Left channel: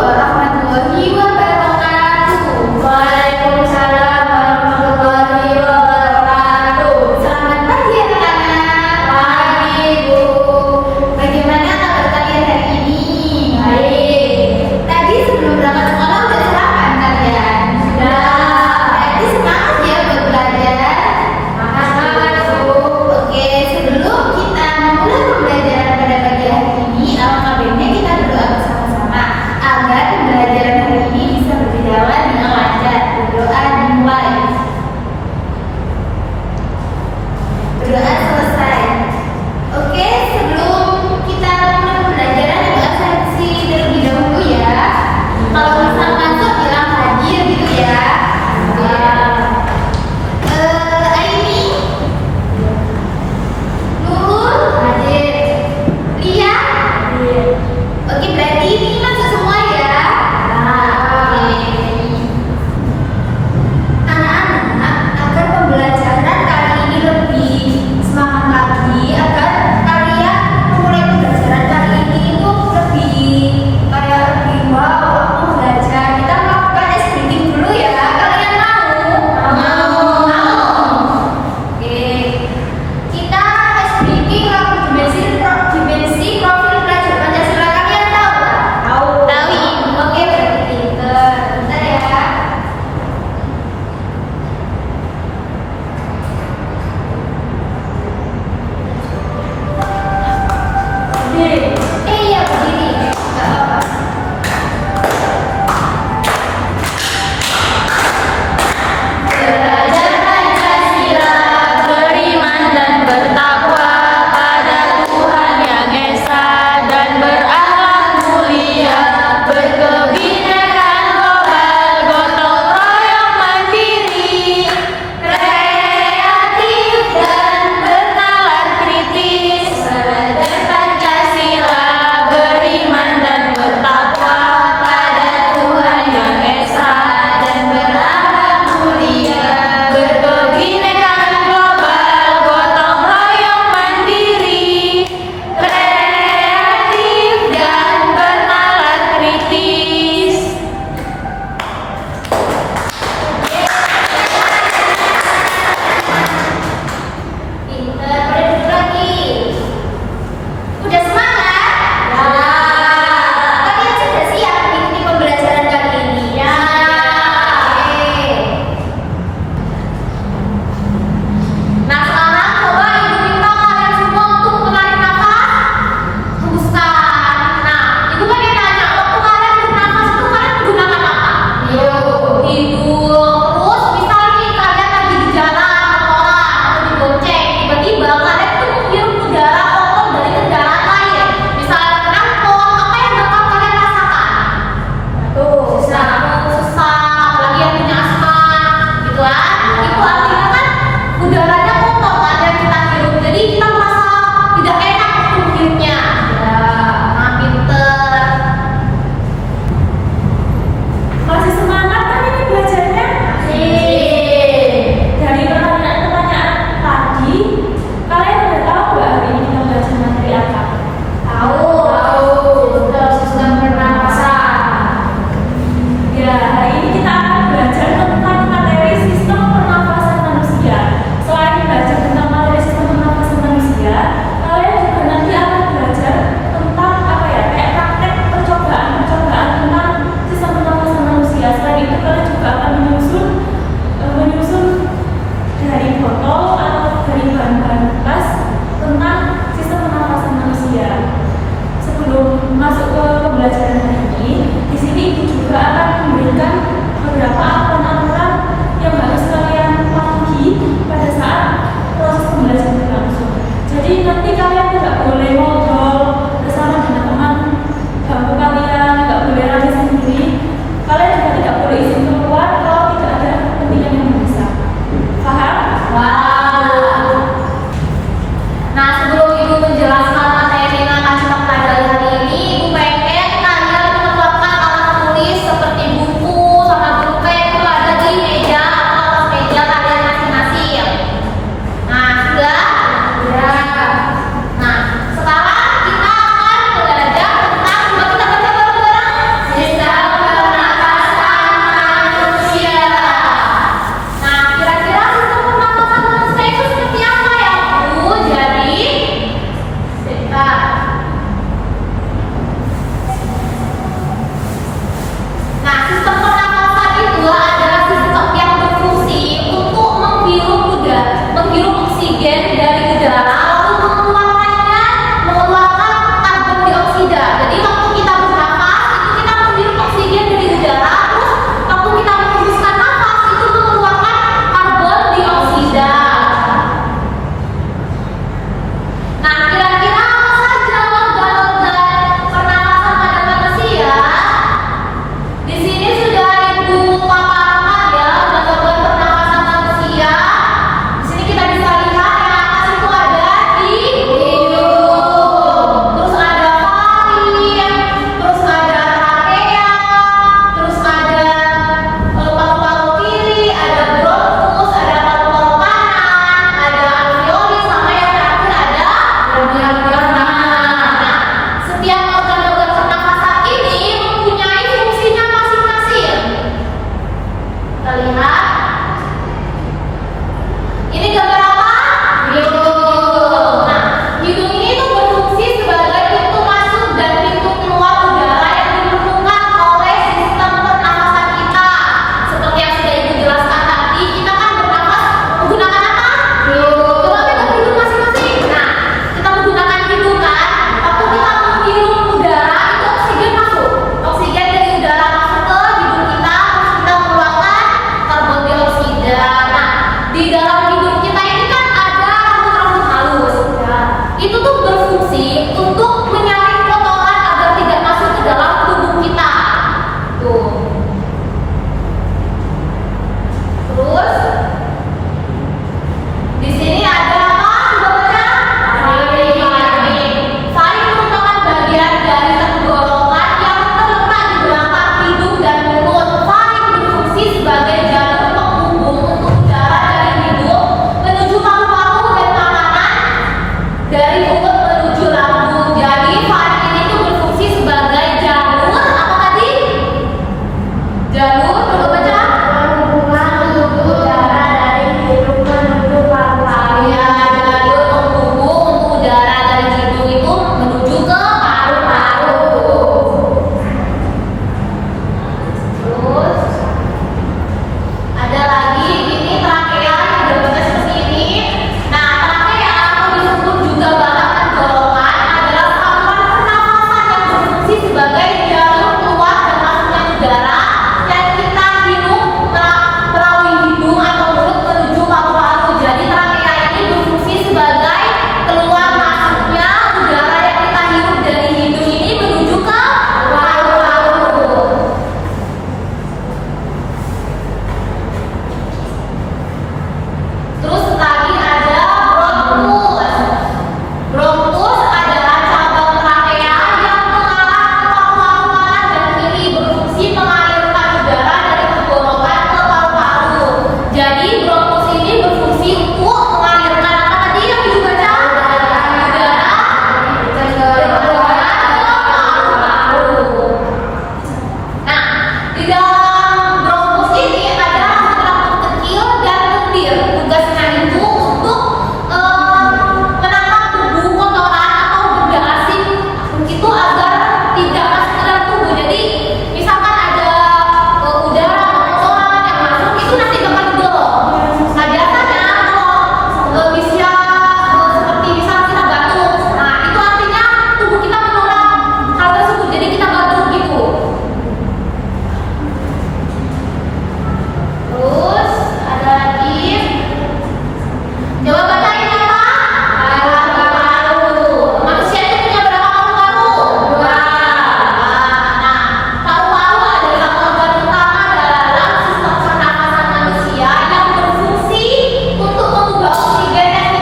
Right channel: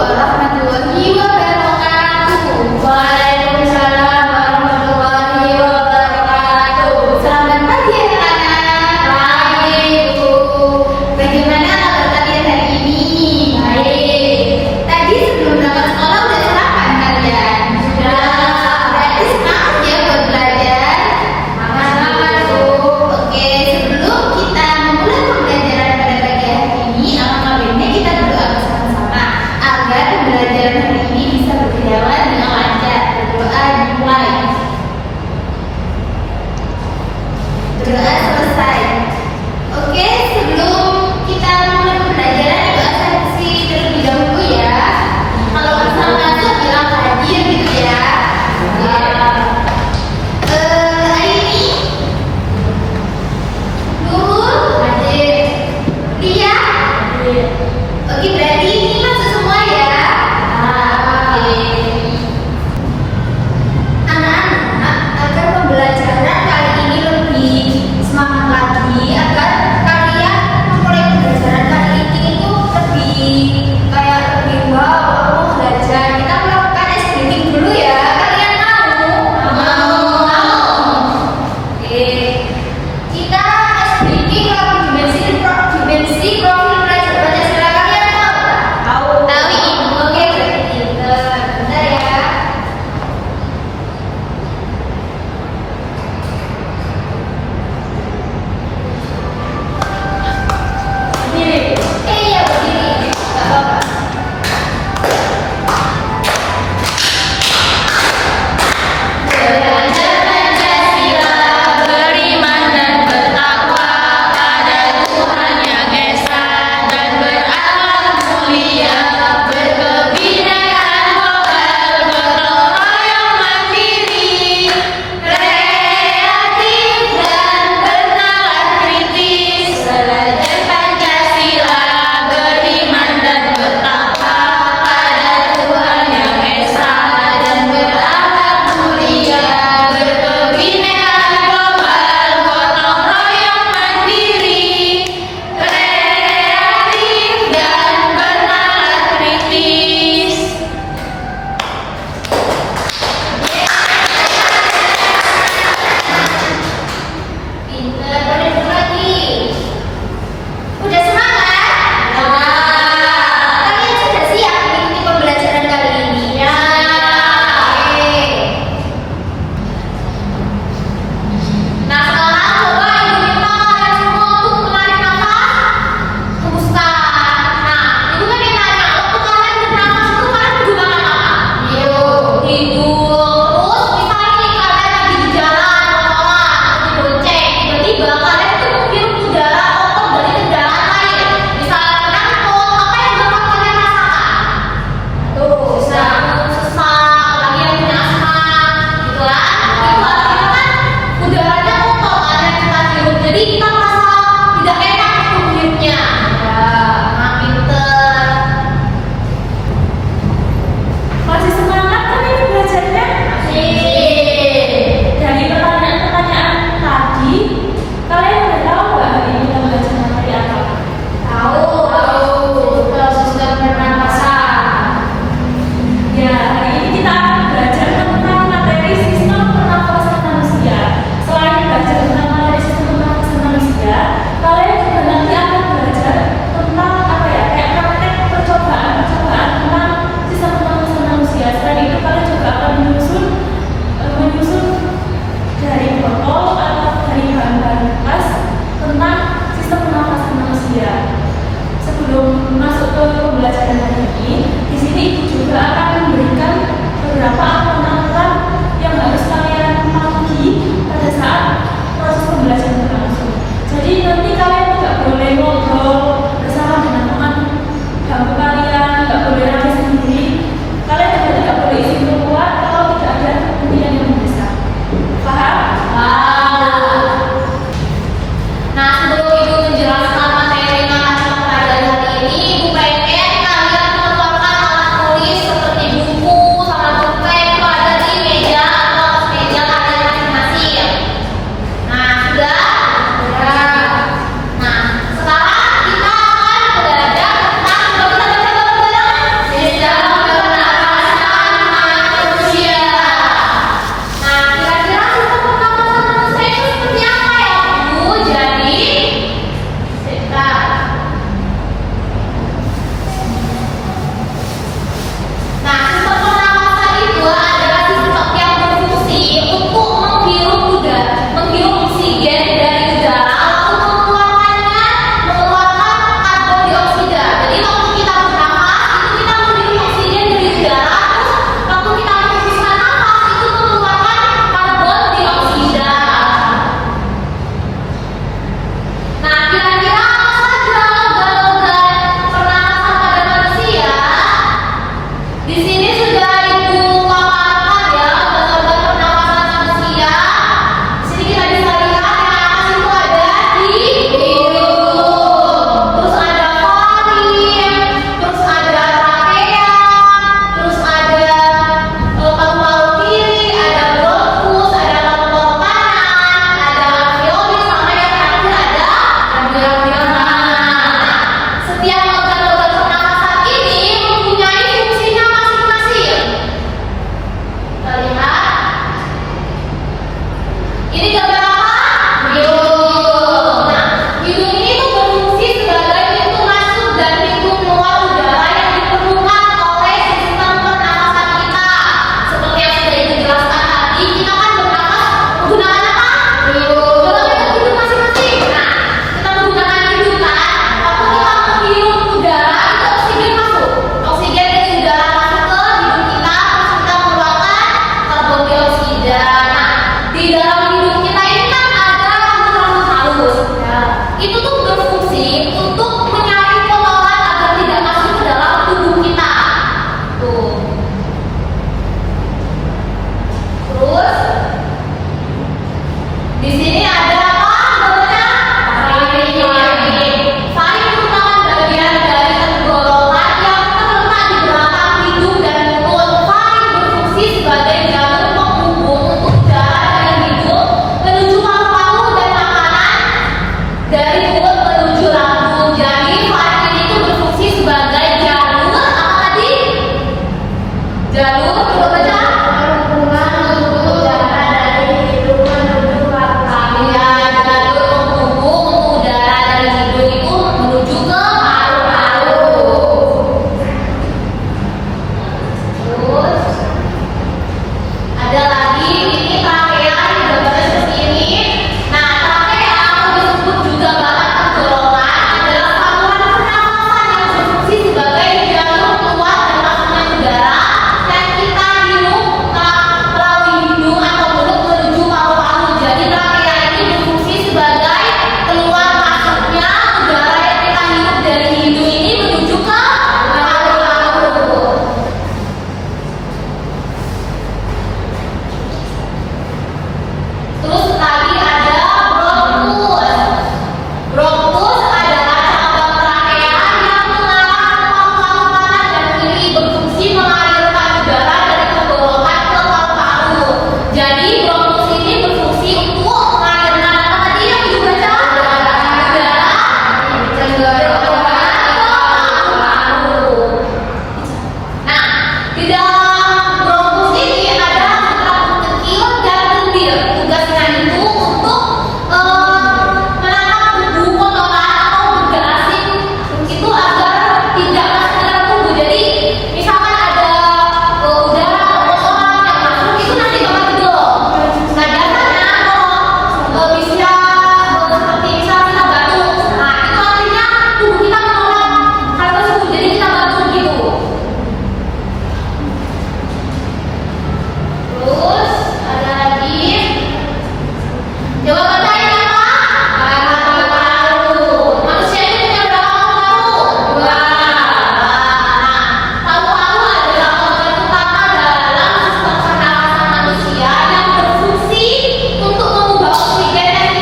warahmatullahi wabarakatuh. Waalaikumsalam warahmatullahi wabarakatuh. Selamat pagi anak-anak. Pagi Bu. Bagaimana kabar kalian hari ini? Baik. Tadi sebelum berangkat sekolah udah sarapan kalian? Sudah. Berarti semangat ya buat belajar. Semangat Bu. Oke, sebelum kita memulai pembelajaran pada pagi hari ini, alangkah baiknya kita berdoa bersama-sama agar pembelajaran hari ini bisa berjalan dengan lancar. Berdoa dimulai. Berdoa selesai. Oke, sebelum kita mulai pembelajaran, ibu absensi terlebih dahulu ya. Kalau bisa masuk bilang hadir gitu ya. Aini, Nurul, hadir. Lia, hadir. Oke, berarti ini masuk semua ya. Oke. Anak-anak, agar pembelajaran kali ini lebih semangat lagi, agar kalian memulai pembelajaran kali ini itu lebih wow, aku mau belajar. Kita melakukan ice breathing dulu ya. Kalian mau? Mau. Oke. Kita ice breathing lagu dimensi profil pelajar Pancasila. Kalian tahu? Tahu. Oke, berarti bentar ya. jadi sehat. Nah, sistem pernapasan itu adalah sistem yang berfungsi untuk menghirup oksigen dari udara, lalu mengeluarkan karbon dioksida. Jadi waktu kita bernapas itu kita menghirup oksigen dari udara, terus waktu kita menghembuskan nafas itu mengeluarkan karbon dioksida. Nah, kira-kira apa saja organ-organ pernapasan pada manusia? Di sini sudah Ibu paparkan ya organ-organ pernapasan manusia. Di sini kita bisa lihat napas itu ada di hidung, terus ada faring, terus ada trakea, terus ada paru-paru kiri, ada bronkus, ada paru-paru kanan, ada alveolus, sama yang terakhir ada alveolus. Setiap organ-organ pernapasan ini mempunyai fungsinya masing-masing. Kita lihat. Ini gambar apa? Hidung. Nah, hidung ini tuh berfungsi sebagai pintu masuk dan pintu keluar udara yang diperlukan oleh sistem pernapasan kita. Seperti yang sudah Ibu jelaskan tadi, kita kan bernapas menggunakan apa? Hidung. Coba kita hidung masing-masing. Nah, kita menggunakan hidung kan. Waktu kita menghirup udara itu oksigen masuk. Oksigen dari udara masuk ke hidung kita, terus kita mengeluarkan karbon dioksida. Nah, di dalam hidung kita ini kan ada rambut-rambut halus. Ya. Itu tuh berfungsi untuk menyaring kotoran agar tidak masuk ke dalam tubuh kita. Tuh. Terus di sini ada apa? Coba faring. Faring merupakan bagian dari tenggorokan yang terletak di belakang hidung dan mulut. Faring berfungsi sebagai jalur penghubung untuk udara dari hidung menuju paru-paru dan makanan dari mulut menuju lambung. Jadi faring ini tuh berfungsi sebagai jalur apa tadi? Jalur coba baca. Penghubung udara dari hidung menuju paru-paru. Ya, jalur penghubung untuk udara dari hidung itu menuju ke paru-paru. Terus ada lagi ini trakea juga bisa seperti ini. Nah, trakea atau disebut juga batang tenggorokan adalah saluran pernapasan yang berfungsi sebagai jalur keluar dan masuknya udara yang kita hirup melalui hidung atau mulut menuju paru-paru. Jadi trakea ini berfungsi sebagai keluar masuknya udara yang kita hirup dari hidung ini menuju ke paru-paru. Terus lagi ada bronkus. Bronkus adalah cabang trakea yang mengarah ke paru-paru kanan dan kiri, berfungsi mengalirkan udara dari tenggorokan ke paru-paru. Jadi bronkus ini berfungsi untuk mengalirkan apa tadi yang Ibu baca? Udara dari tenggorokan ke paru-paru. Nah, di dalam bronkus ini ada rambut-rambut kecil dan lendir. Tugasnya itu untuk menangkap debu, kotoran atau benda asing itu agar tidak masuk ke dalam tubuh. Jadi misalkan ada udara atau kotoran yang masuk itu nanti bakal digoreng. Nah, biasanya kalau bisa seperti misal kita batuk, nah itu artinya tubuh kita menolak hal tersebut. Jadi kita batuk gitu. Terus ada lagi. Coba baca ini apa? Paru-paru. Manusia itu punya berapa paru-paru? Dua. Nah, paru-paru adalah organ utama dalam sistem pernapasan manusia yang berfungsi untuk mengubah oksigen yang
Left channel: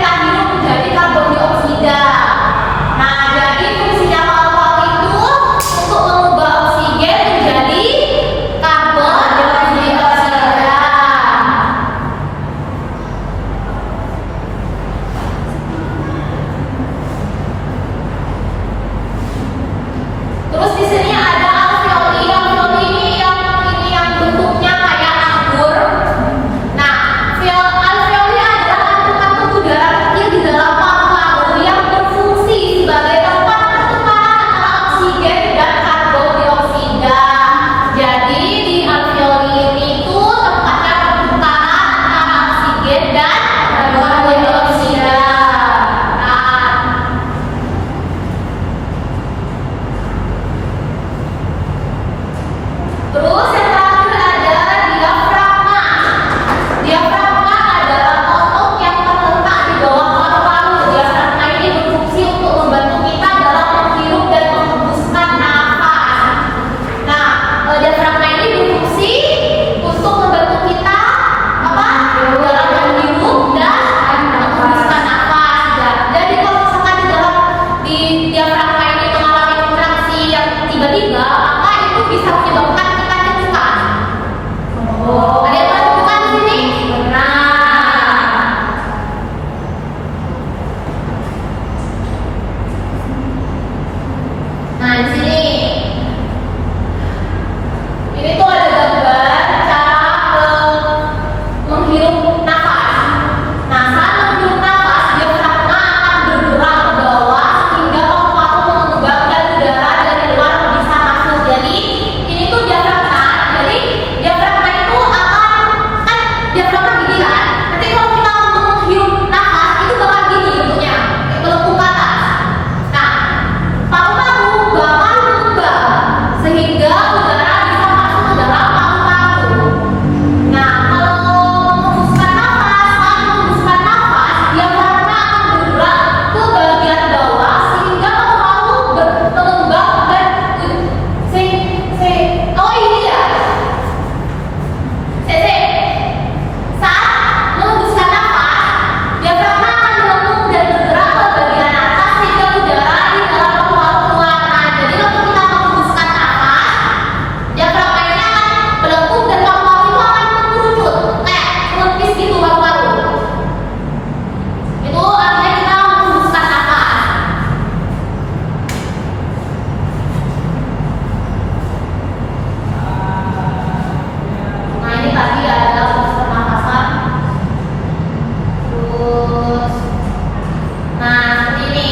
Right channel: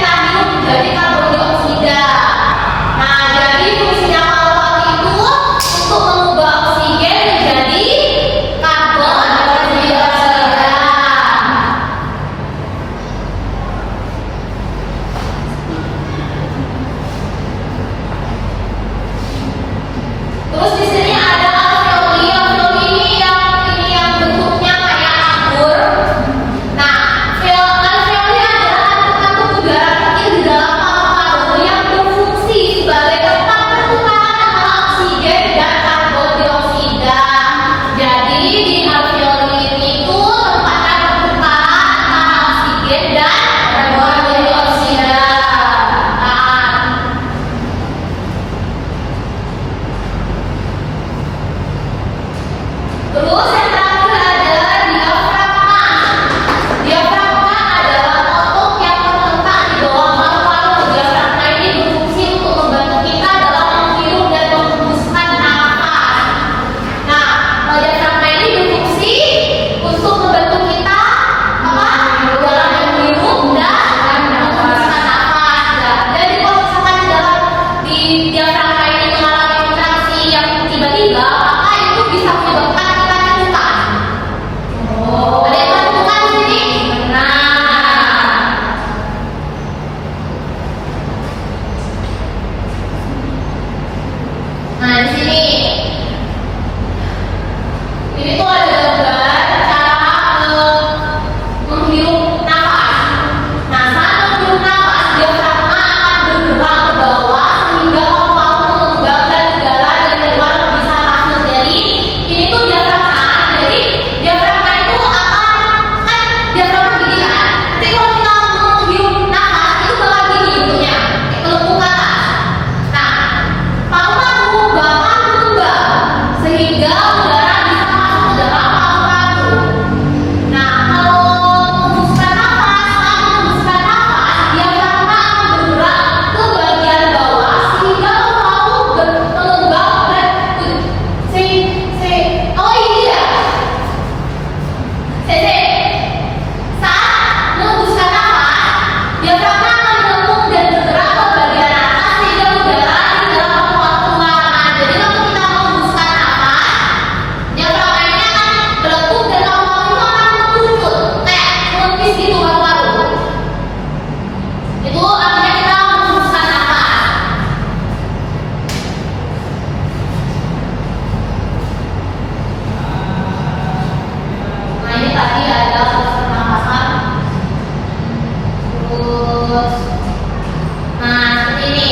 dan karbon dioksida. Terus yang terakhir ada diafragma. Diafragma adalah otot yang terletak di bawah paru-paru. Diafragma ini berfungsi untuk membantu kita dalam menghirup dan menghembuskan nafas. Nah, diafragma ini berfungsi untuk membantu kita dalam menghirup dan menghembuskan nafas. Jadi kalau misalkan di diafragma ini mengalami kontraksi yang tiba-tiba, maka itu bisa menyebabkan kita ketukan. Ada yang ketukan di sini? Nah, di sini ini tuh ada gambar cara menghirup nafas. Nah, saat menghirup nafas, diafragma akan bergerak ke bawah hingga paru-paru mengembang dan udara dari luar bisa masuk. Jadi ini tuh diafragma. Jadi diafragma itu kan diafragma gini kan. Nanti kalau kita menghirup nafas itu bakal gini bentuknya, melengkung ke atas. Nah, paru-paru bakal mengembang sehingga udara bisa masuk ke dalam paru-paru. Nah, kalau menghembuskan nafas, diafragma akan bergerak ke bagian bawah sehingga paru-paru mengembang dan oh ini ya. Saat menghembuskan nafas, diafragma akan melengkung dan bergerak ke bagian atas sehingga udara di dalam paru-paru keluar. Nah, jadi waktu kita menghembuskan nafas, diafragma ini akan melengkung dan paru-paru itu akan mengerucut kayak melempis gitu paru-paru. Itu artinya kita menghembuskan nafas. Nah, ini tadi ada pernapasan. Terus, nah seperti ini.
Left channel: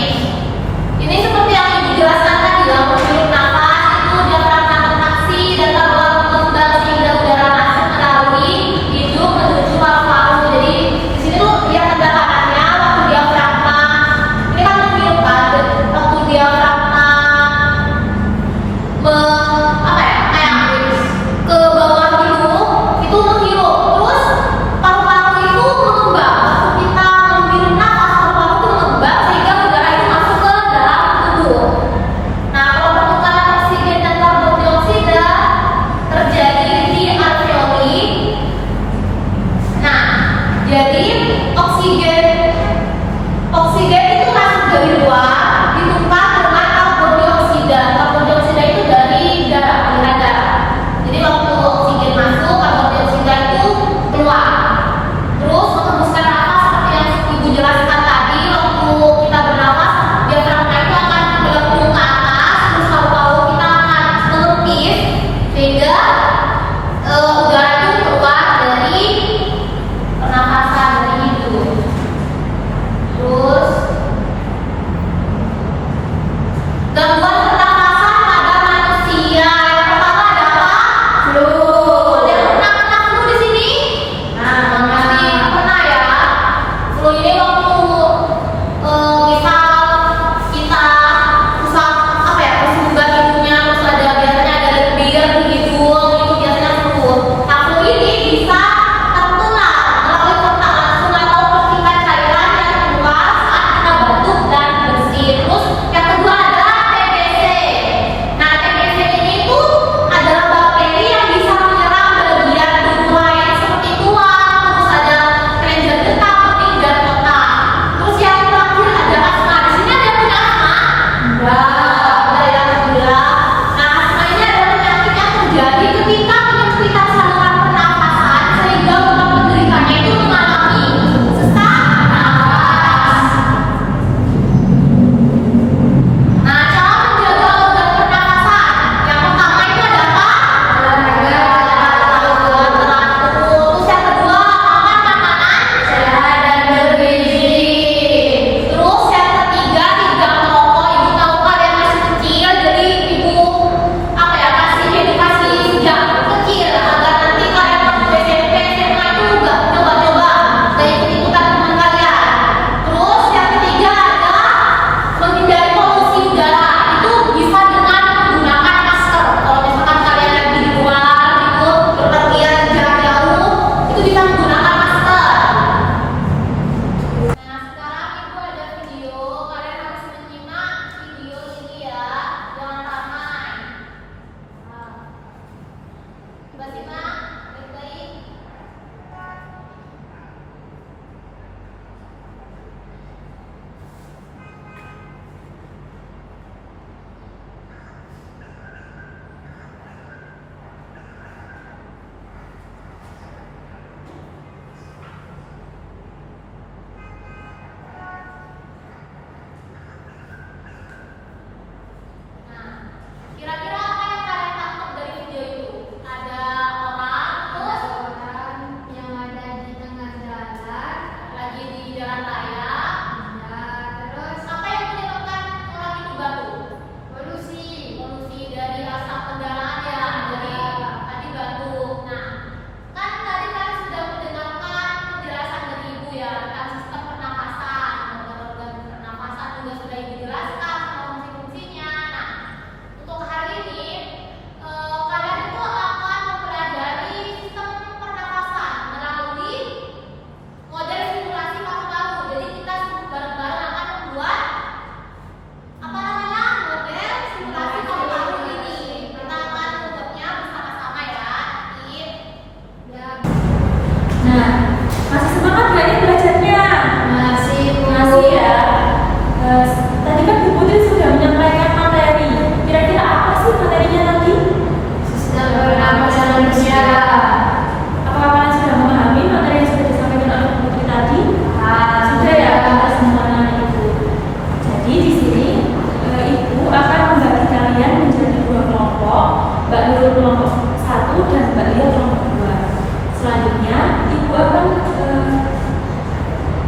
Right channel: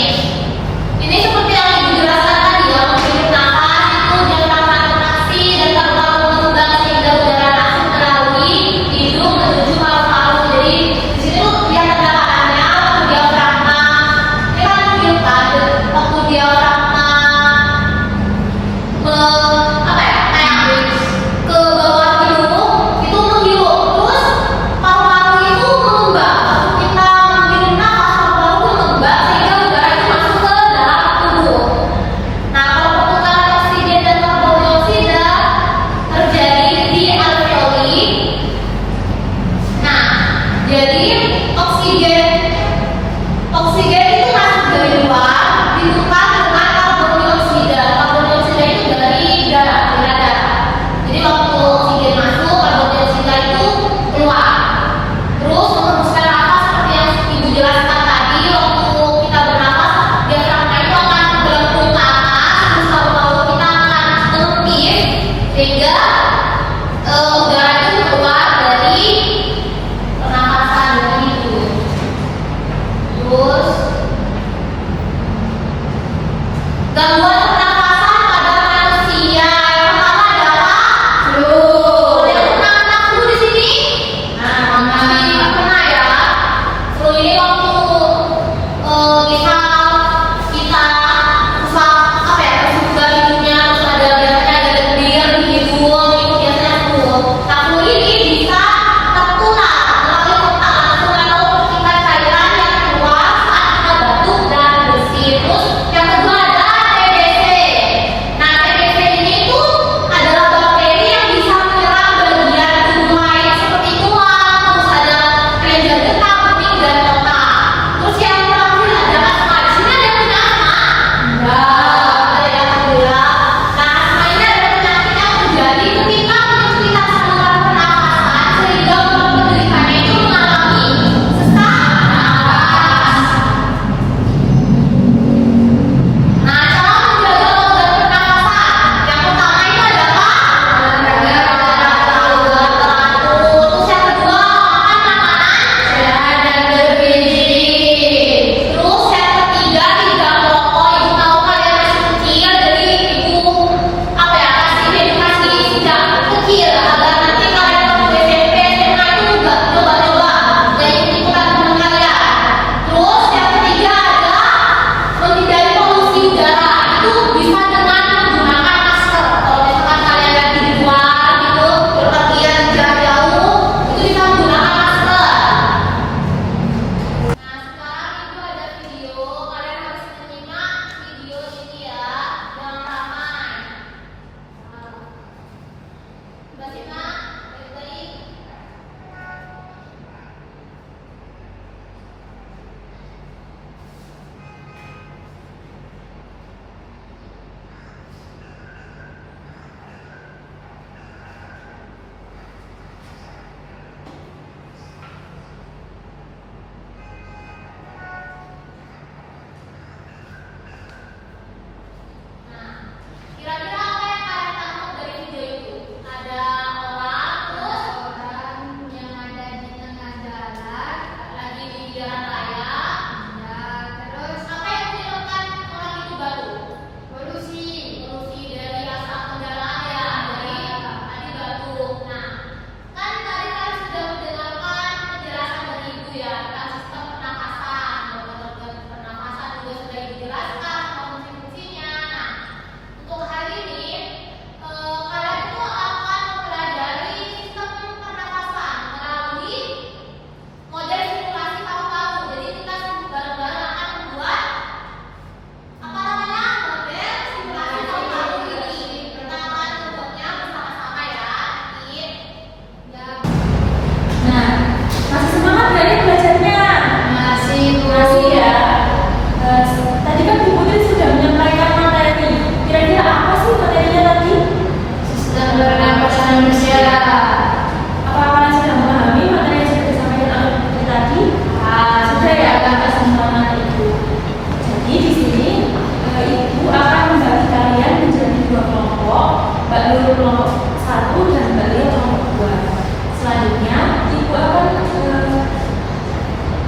Ini seperti yang dijelaskan tadi ya, menghirup nafas itu diafragma kontraksi dan paru-paru mengembang sehingga udara masuk melalui hidung menuju paru-paru. Jadi di situ dia tanda-tandanya waktu diafragma ini kan menghirup kan, waktu diafragma kayak ke bawah gitu, itu menghirup. Terus paru-paru itu mengembang. Waktu kita menghirup nafas, paru-paru itu mengembang sehingga udara itu masuk ke dalam tubuh. Nah, kalau pertukaran oksigen dan karbon dioksida terjadi di alveoli. Nah, jadi oksigen itu masuk dari luar, ditukar dengan karbon dioksida. Karbon dioksida itu dari darah, aliran darah. Jadi waktu oksigen masuk, karbon dioksida itu keluar. Terus menghembuskan nafas seperti yang Ibu jelaskan tadi, waktu kita bernafas, diafragma itu akan melengkung ke atas, terus paru-paru kita akan menepis sehingga udara itu keluar dari pernapasan itu.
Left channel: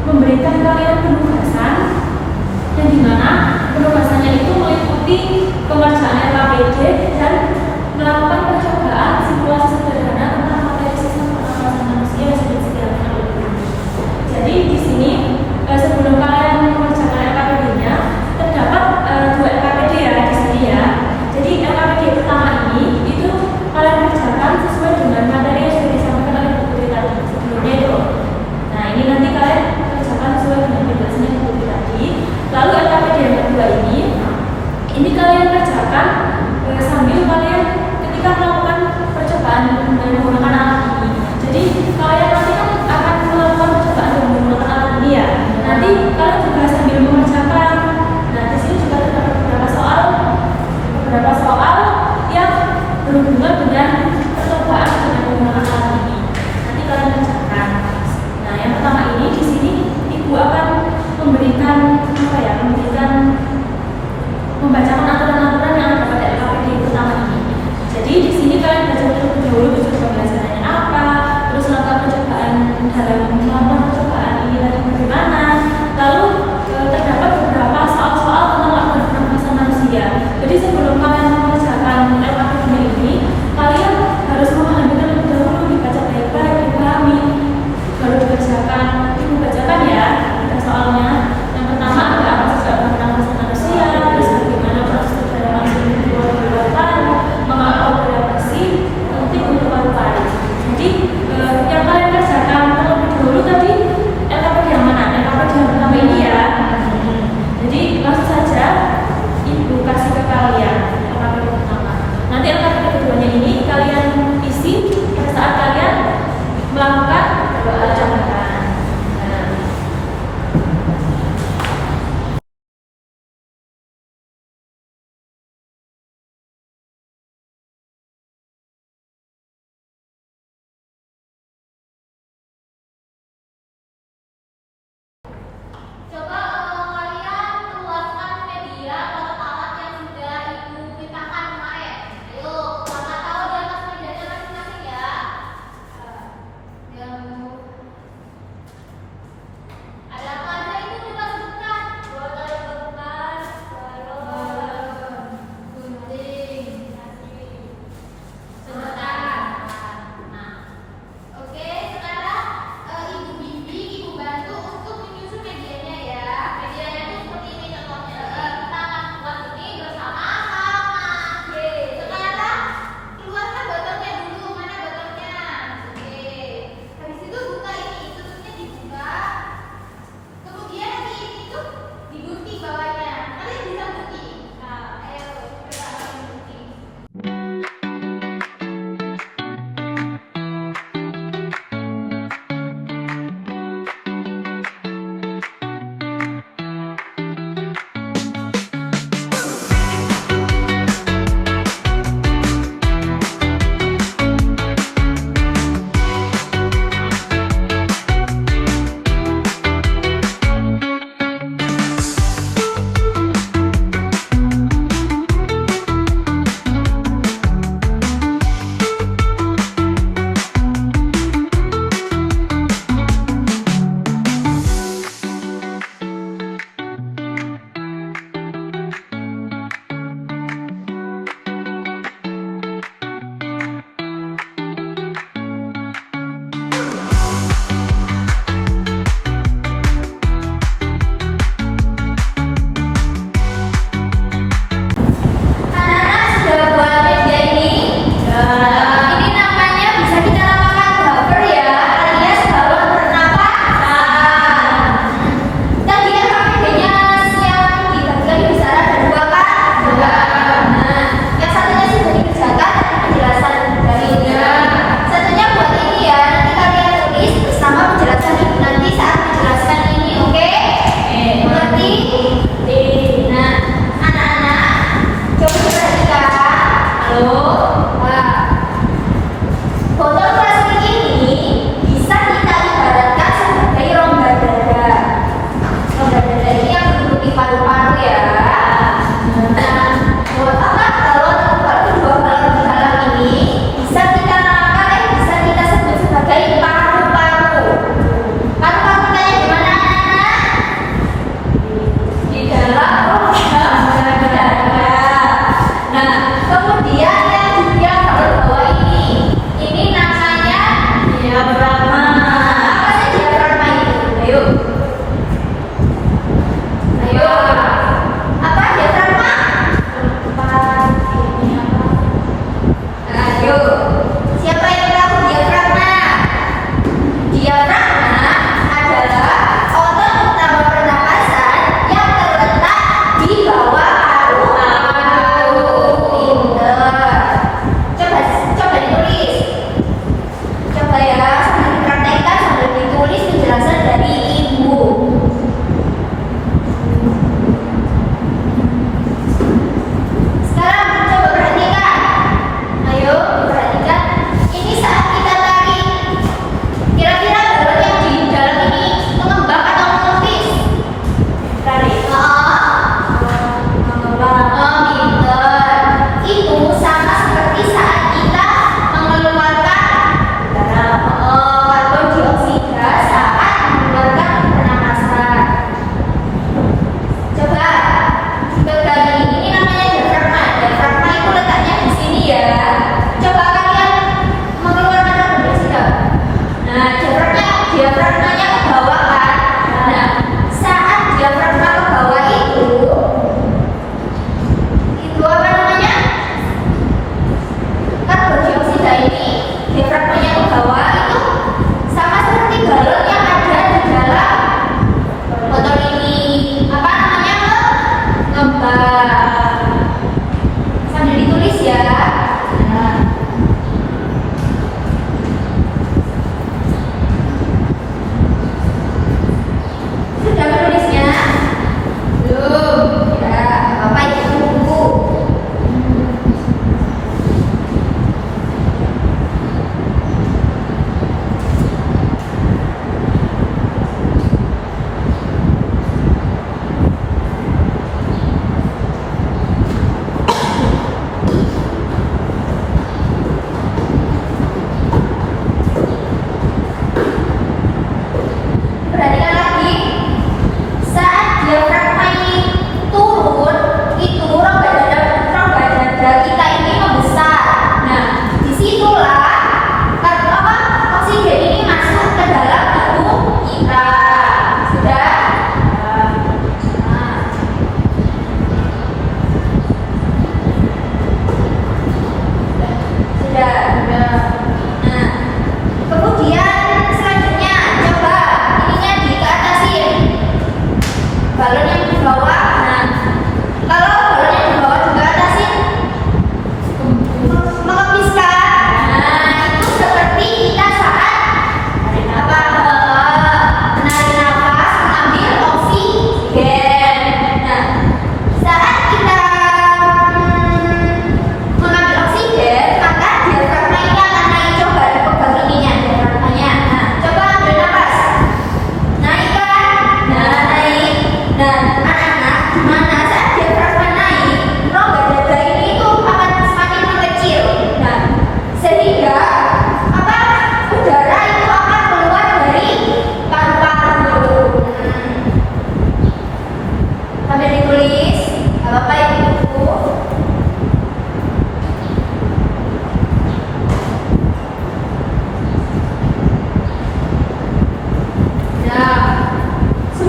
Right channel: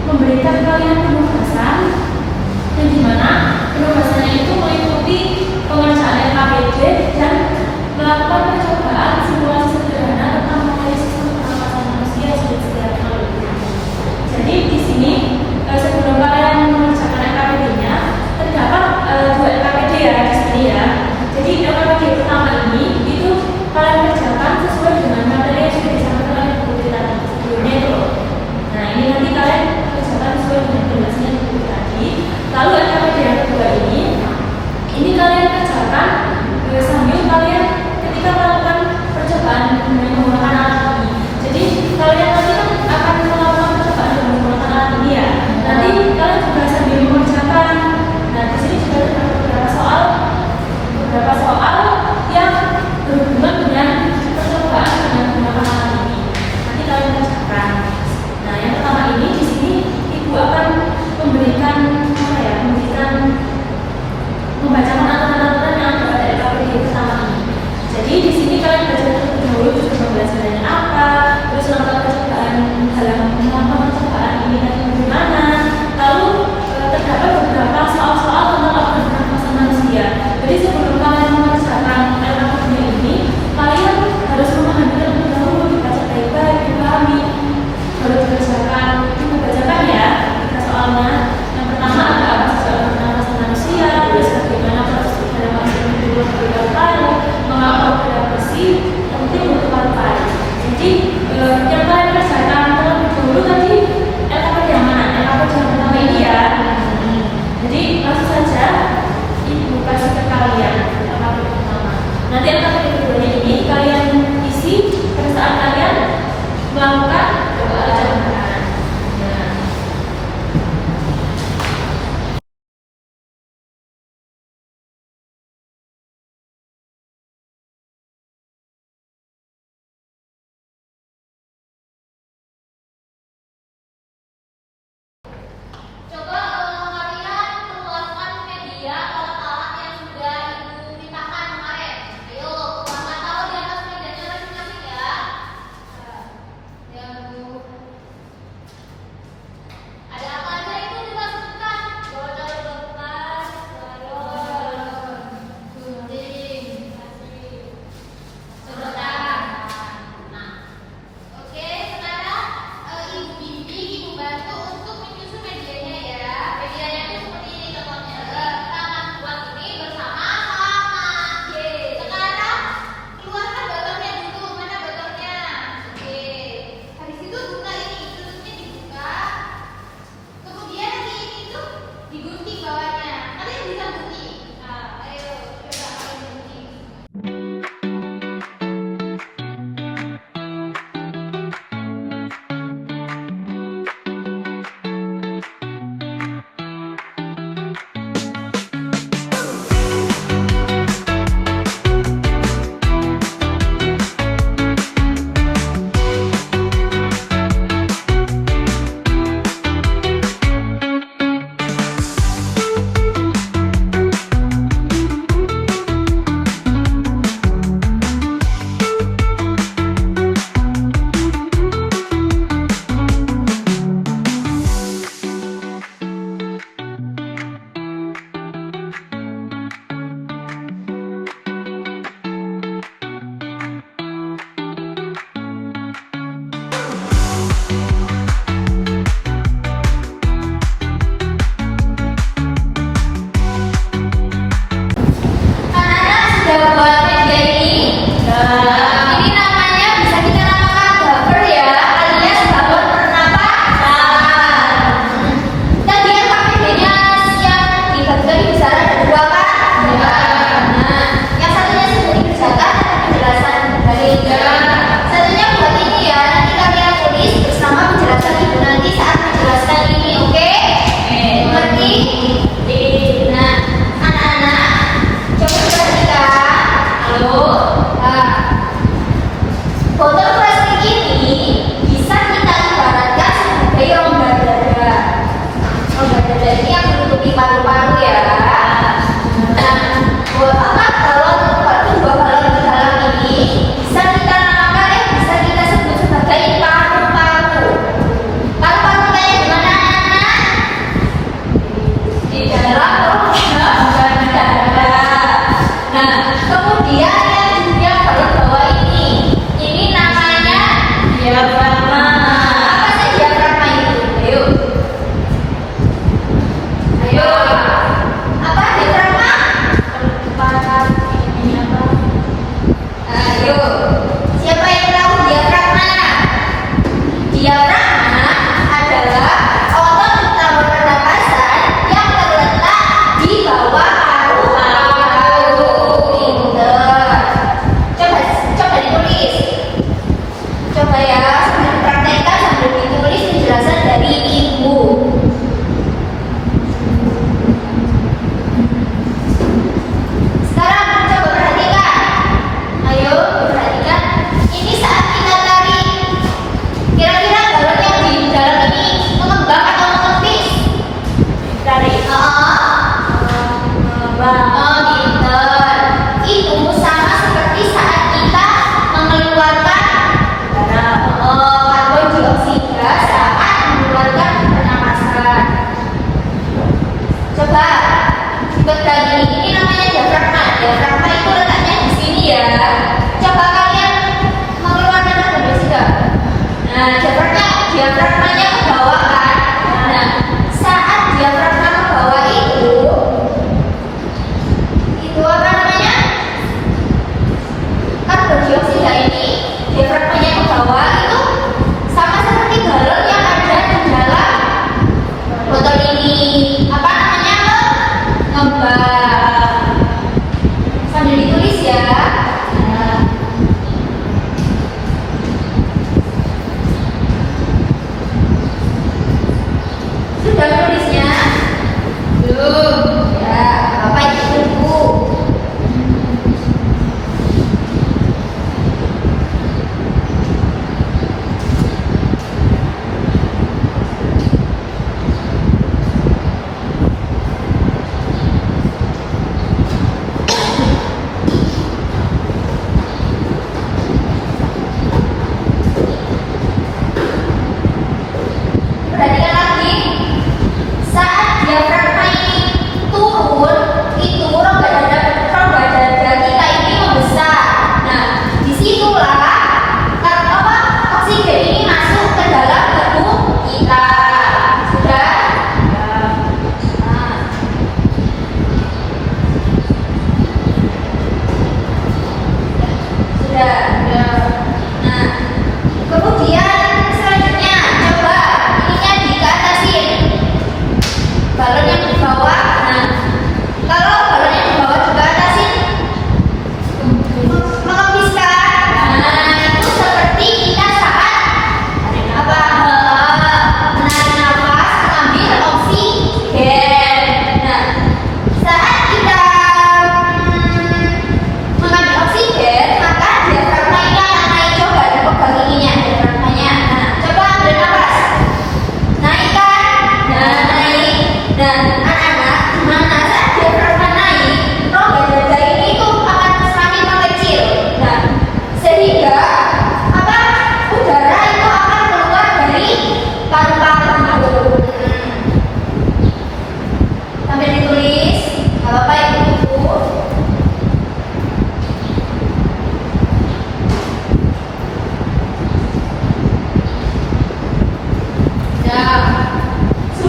memberikan kalian penugasan yang dimana penugasannya itu meliputi pengerjaan LKPD dan melakukan percobaan simulasi sederhana tentang materi sistem pernapasan manusia yang sudah disediakan oleh guru. Jadi di sini sebelum kalian mengerjakan LKPD-nya terdapat dua LKPD ya di sini ya. Jadi LKPD pertama ini itu kalian kerjakan sesuai dengan materi yang sudah disampaikan oleh guru tadi sebelumnya itu. Nah ini nanti kalian kerjakan sesuai dengan penjelasan guru tadi. Lalu LKPD yang kedua ini kalian kerjakan sambil kalian ketika melakukan percobaan dengan menggunakan alat ini. Jadi kalian nanti kan akan melakukan percobaan dengan menggunakan alat ini ya. Nanti kalian juga sambil mengerjakan. Nah di sini juga ada beberapa soal yang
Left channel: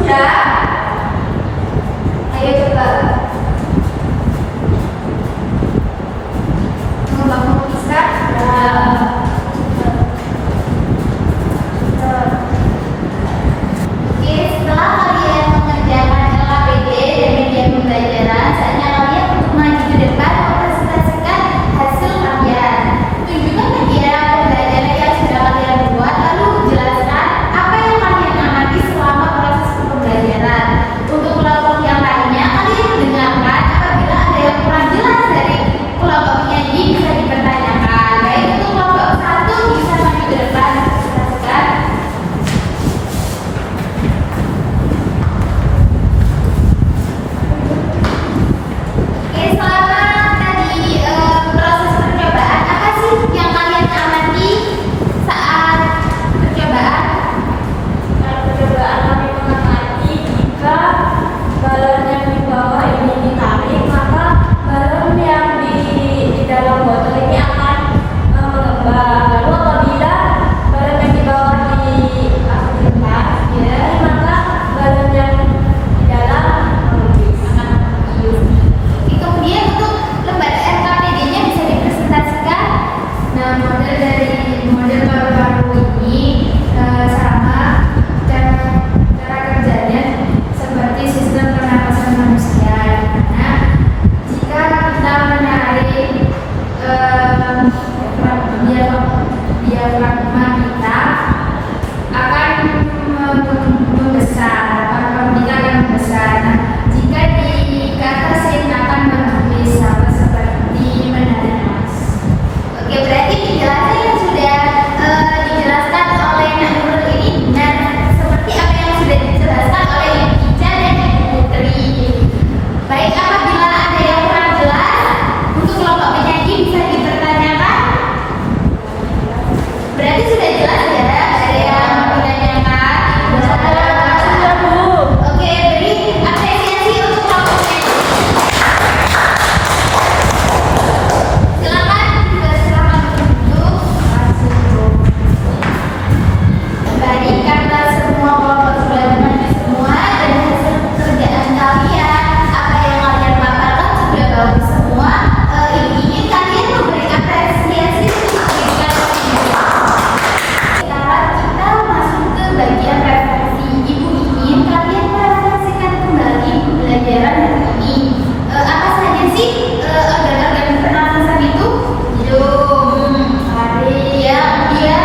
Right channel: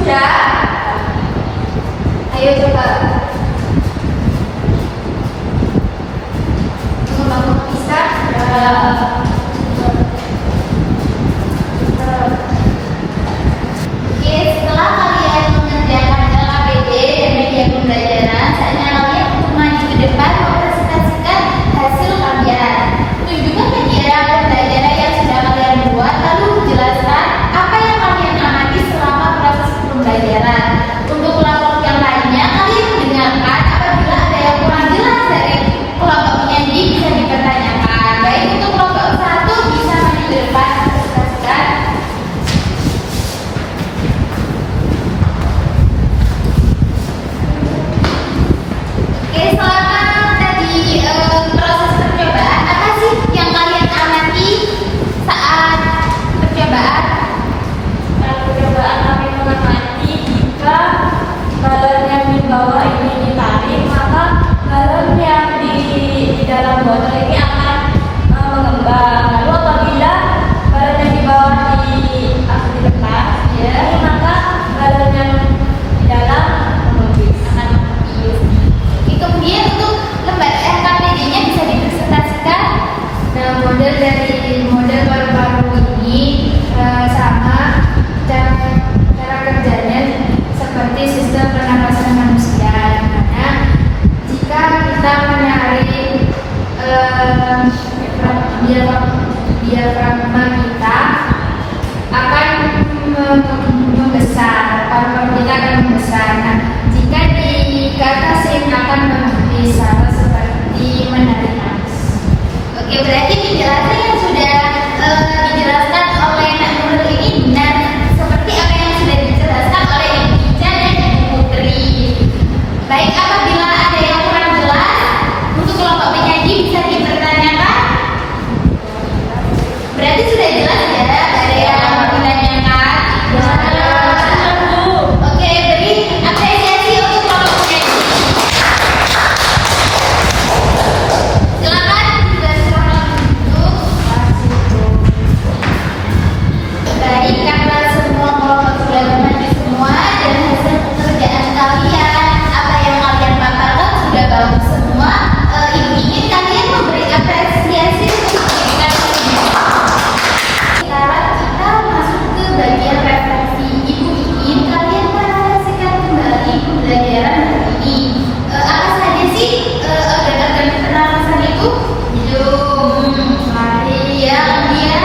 Sudah? Ayo coba. Bangun bisa? Ya. Oke, setelah kalian mengerjakan LKPD dan media pembelajaran, saatnya kalian untuk maju ke depan mempresentasikan hasil kalian. Tunjukkan media pembelajaran yang sudah kalian buat, lalu jelaskan apa yang kalian amati selama proses pembelajaran. Untuk kelompok yang lainnya, kalian mendengarkan apabila ada yang kurang jelas dari kelompok penyaji bisa dipertanyakan. Baik, untuk kelompok satu bisa maju ke depan mempresentasikan. Oke, selama tadi proses percobaan, apa sih yang kalian amati saat percobaan? Saat percobaan kami mengamati jika galon yang di bawah ini ditarik, maka galon yang di dalam botol ini akan mengembang. Lalu apabila galon yang di bawah akan ditekan, maka galon yang di dalam akan mengembang. Kemudian untuk lembar LKPD-nya bisa dipresentasikan. Nah, model dari model paru-paru ini sama cara kerjanya seperti sistem pernapasan manusia. Dimana jika kita menarik diafragma kita akan membesar, paru-paru kita akan membesar. Nah, jika di atas ini akan menipis, sama seperti menarik nafas. Oke, berarti penjelasan yang sudah dijelaskan oleh Nak Nurul ini benar seperti apa yang sudah dijelaskan oleh Ibu Ica dan Ibu Putri. Baik, apabila ada yang kurang jelas untuk kelompok penyaji bisa dipertanyakan. Berarti sudah jelas ya, ada yang mau ditanyakan. Oke, beri apresiasi untuk kelompok penyaji. Silakan duduk. Baik, karena semua kelompok sudah bermaju semua dan hasil pekerjaan kalian, apa yang kalian paparkan sudah bagus semua. Ibu ingin kalian memberi apresiasi untuk pendidikan pendidikan. Sekarang kita masuk ke bagian refleksi. Ibu ingin kalian merefleksikan kembali pembelajaran hari ini. Apa saja sih organ-organ pernapasan itu? Hidung, ya, kemudian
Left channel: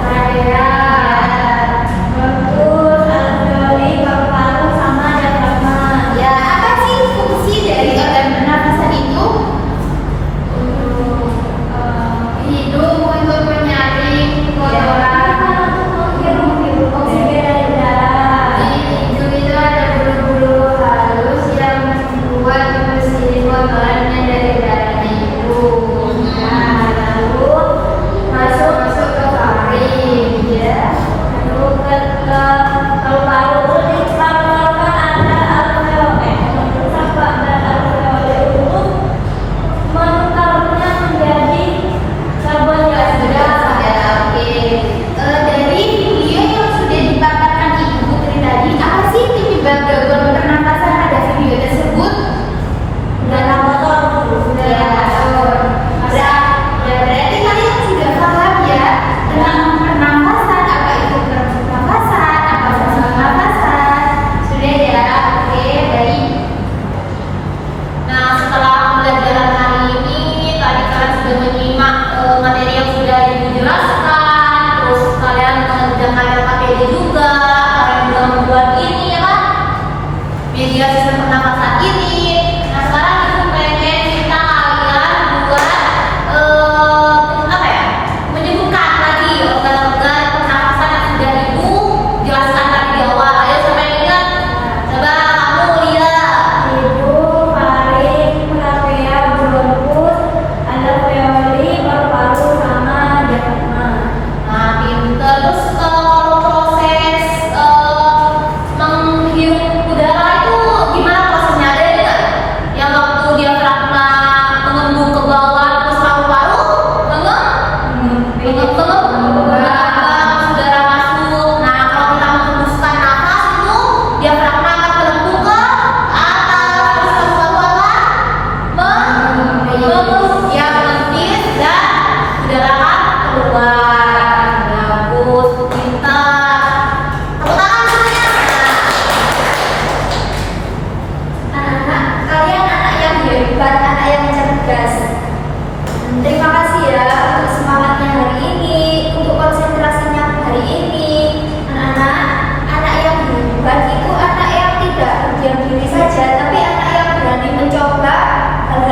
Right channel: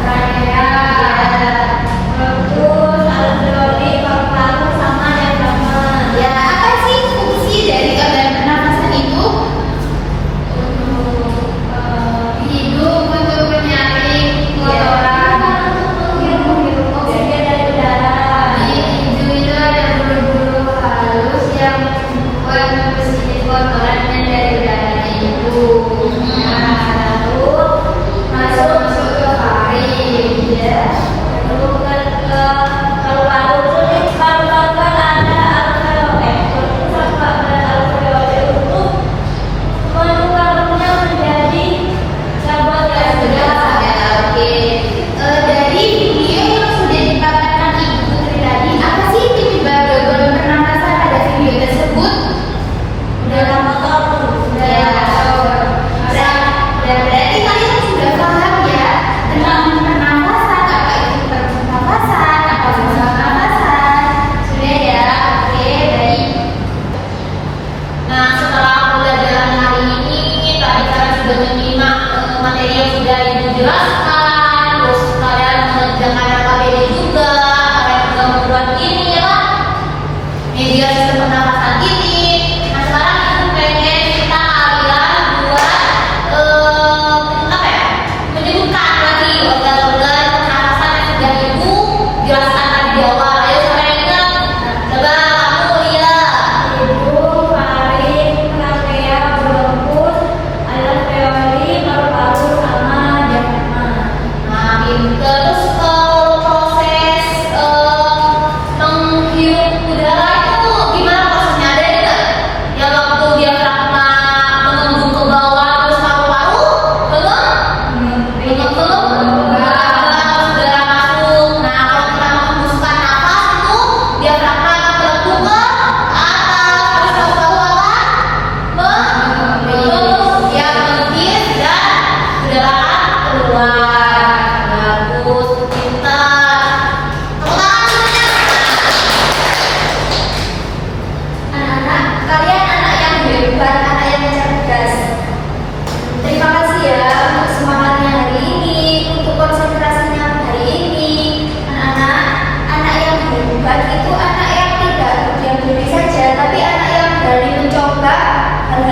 trachea, Terus alveoli, paru-paru, sama diafragma. ya, apa sih fungsi dari organ pernapasan itu? Hidung untuk menyaring kotoran. Oksigen dari udara. Di hidung itu ada bulu-bulu halus yang membuat mesin kotoran yang dari udaranya itu. Nah, lalu masuk ke faring, ya. Lalu ke paru-paru. Di paru-paru kan ada alveoli. Sampah dan alveoli itu mengkarbonnya menjadi sabuan Ya, sudah saya oke. Dari video yang sudah dipaparkan Ibu Putri tadi, apa sih penyebab gangguan pernapasan pada video tersebut? dalam motor. Ya, berarti kalian sudah paham ya tentang pernapasan, apa itu pernapasan, apa saluran pernapasan. Sudah ya, oke, baik. Nah, setelah pembelajaran hari ini, tadi kalian sudah menyimak materi yang sudah Ibu jelaskan, terus kalian mengerjakan LKPD juga, kalian juga membuat ini ya kan? Media sistem pernapasan ini. Nah, sekarang Ibu pengen kita kalian buat apa ya? Menyebutkan lagi organ-organ pernapasan yang sudah Ibu jelaskan tadi di awal. Ayo sampai ingat. Coba kamu lihat. Hidung, faring, trachea, bronkus, alveoli, paru-paru, sama diafragma. Nah, pinter. Terus proses menghirup udara itu gimana prosesnya? Ada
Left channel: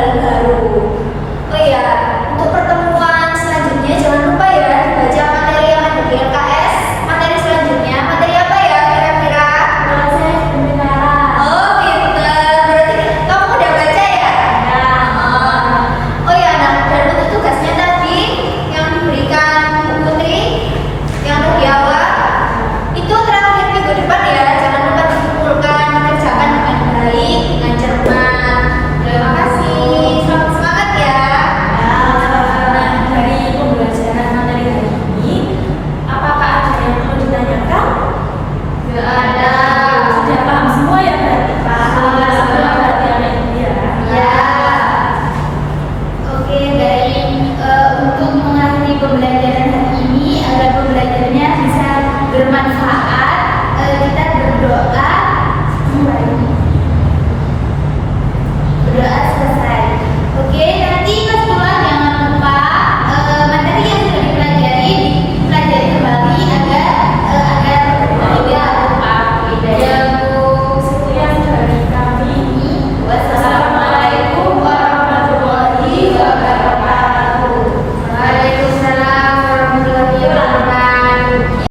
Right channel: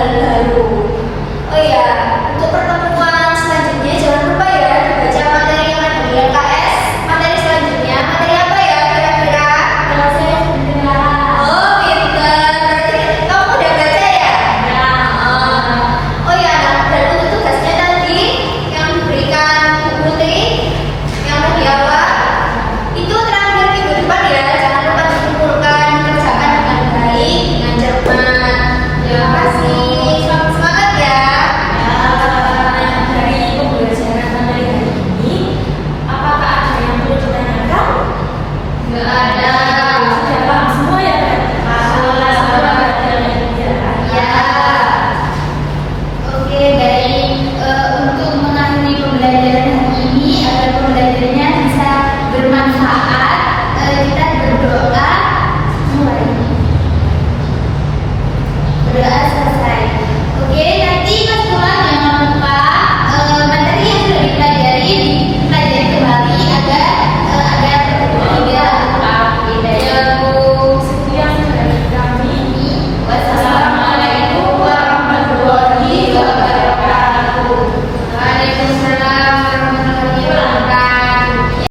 hal baru. Oh iya, untuk pertemuan selanjutnya jangan lupa ya baca materi yang ada di LKS. Materi selanjutnya materi apa ya kira-kira? Proses pendengaran. Oh pintar, berarti kamu udah baca ya? Ya. Oh ya, dan untuk tugasnya tadi yang diberikan Bu Putri yang udah di awal itu terakhir minggu depan ya, jangan lupa dikumpulkan, dikerjakan dengan baik, dengan cermat. Terima kasih, semangat ya. Ya, dari pembelajaran materi hari ini, apakah ada yang perlu ditanyakan? Nggak ada. Sudah paham semua ya berarti? Paham. Sama berarti anak ibu ya. Ya. Oke, baik. Untuk mengakhiri pembelajaran hari ini agar pembelajarannya bisa bermanfaat, kita